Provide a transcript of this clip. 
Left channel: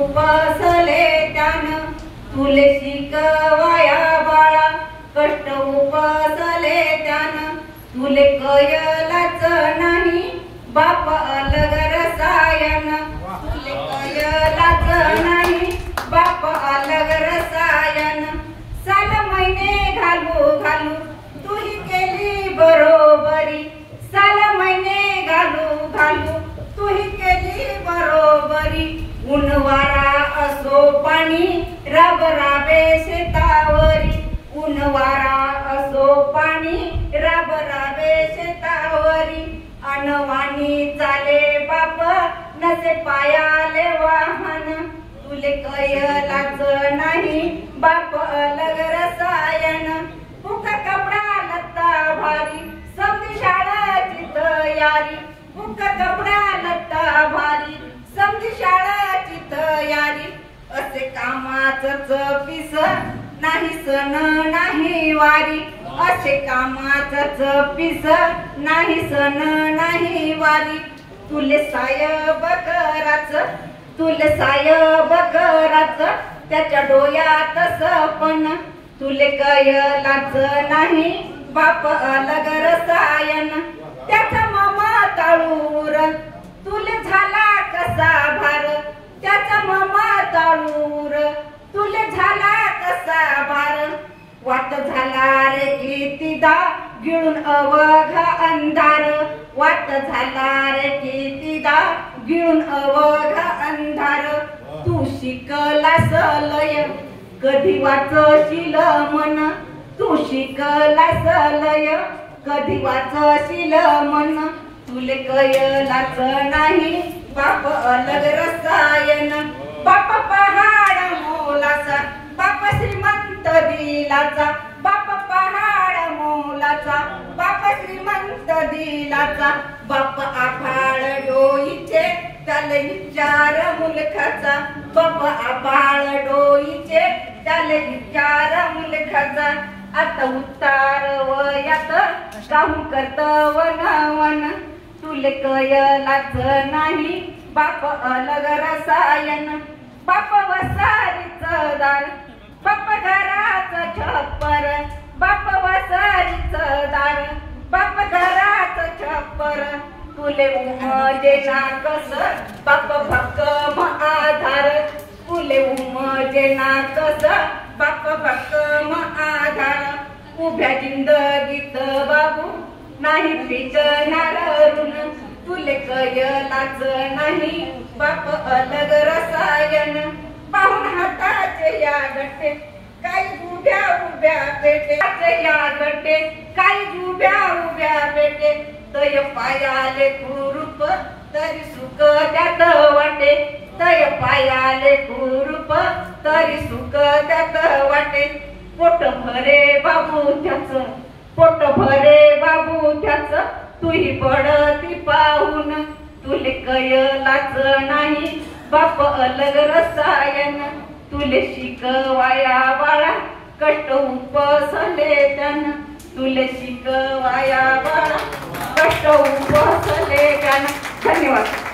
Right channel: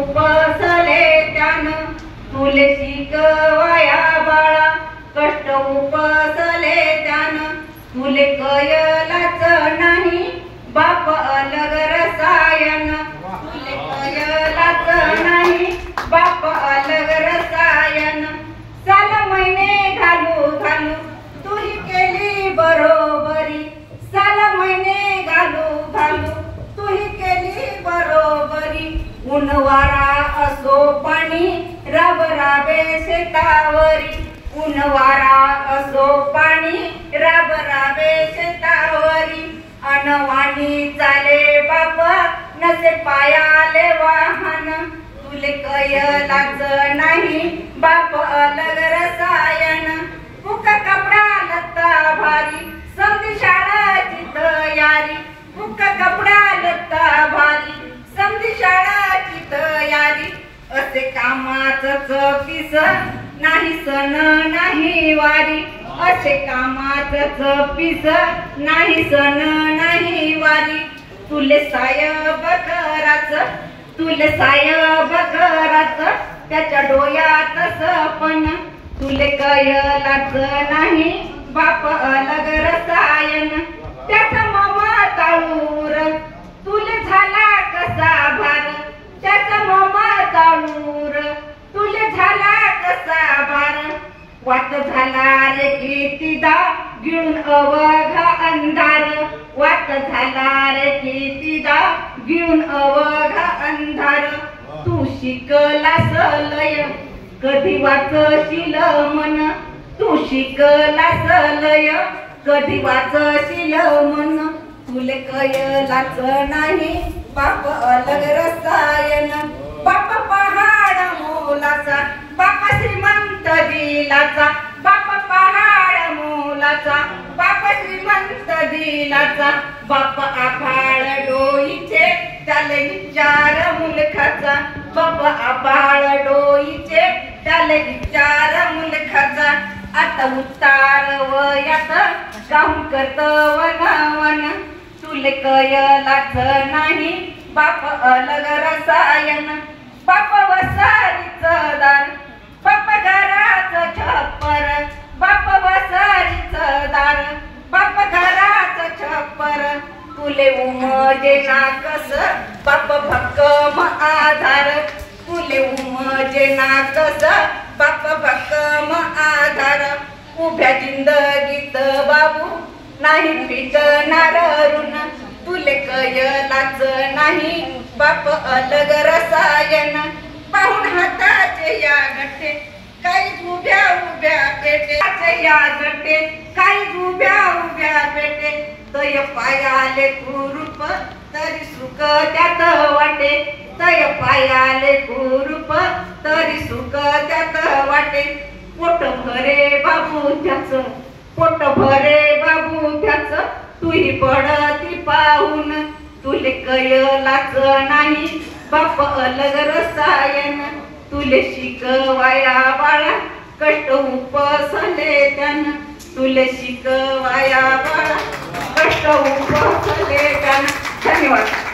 उपसले त्यानं तुले शिकवाया बाळा, कष्ट उपसले त्यानं तुले कयलाच नाही बाप अलग रसायन, तुले कयलाच नाही बाप अलग रसायन। साल महिने घालू घालू तूही केली बरोबरी, साल महिने घालू घालू तूही केली बरोबरी। ऊन वारा असो पाणी राब राबे शेतावरी, ऊन वारा असो पाणी राब राबे शेतावरी। अनवाणी चाले बाप नसे पायाले वाहन, तुले कयलाच नाही बाप अलग रसायन। फुका कपडा लत्ता भारी समधी शाळाची तयारी, फुका कपडा लत्ता भारी समधी शाळाची तयारी। असे कामाचंच पिस नाही सण नाही वारी, असे कामाचंच पिस नाही सण नाही वारी। तुले सायब कराच, तुले सायब कराच त्याच्या डोळ्यात सपन, तुले कयलाच नाही बाप अलग रसायन। त्याचा मामा ताळूर तुले झाला कसा भार, त्याचा मामा ताळूर तुले झाला कसा भार। वाट झाला रे कितीदा गिळून अवघा अंधार, वाट झाला रे कितीदा गिळून अवघा अंधार। तू शिकलास लय कधी वाचशील मन, तू शिकलास लय कधी वाचशील मन। तुले कयलाच नाही बाप अलग रसायन। बाप पहाड मोलाचा बाप श्रीमंत दिलाचा, बाप पहाड मोलाचा बाप श्रीमंत दिलाचा। बाप आभाळ डोईचे त्याले विचार मुलखाचा, बाप आभाळ डोईचे त्याले विचार मुलखाचा। आता उतार वयात काहून करत वनवन, तुले कयलाच नाही बाप अलग रसायन। बाप वसारीच दार बाप घराचं छप्पर, बाप वसारीच दार बाप घराचं छप्पर। तुले उमजे ना कस बाप भक्कम आधार, तुले उमजे ना कस बाप भक्कम आधार। उभ्या जिंदगीत बाबू नाही पिटणार ऋण, तुले कयलाच नाही बाप अलग रसायन। पाहून हाताचे या गट्टे काही उभ्या उभ्या पेटे, या गट्टे काही उभ्या उभ्या पेटे। तय पायाले कुरूप तरी सुख त्यात वाटे, तय पायाले कुरूप तरी सुख त्यात वाटे। पोट भरे बाबू त्याच, पोट भरे बाबू त्याच तुही पडती पाहून, तुले कयलाच नाही बाप अलग रसायन। तुले शिकवाया बाळा कष्ट उपसले त्यानं, तुले शिकवाया बाळा कष्ट उपसले त्यानं। धन्यवाद।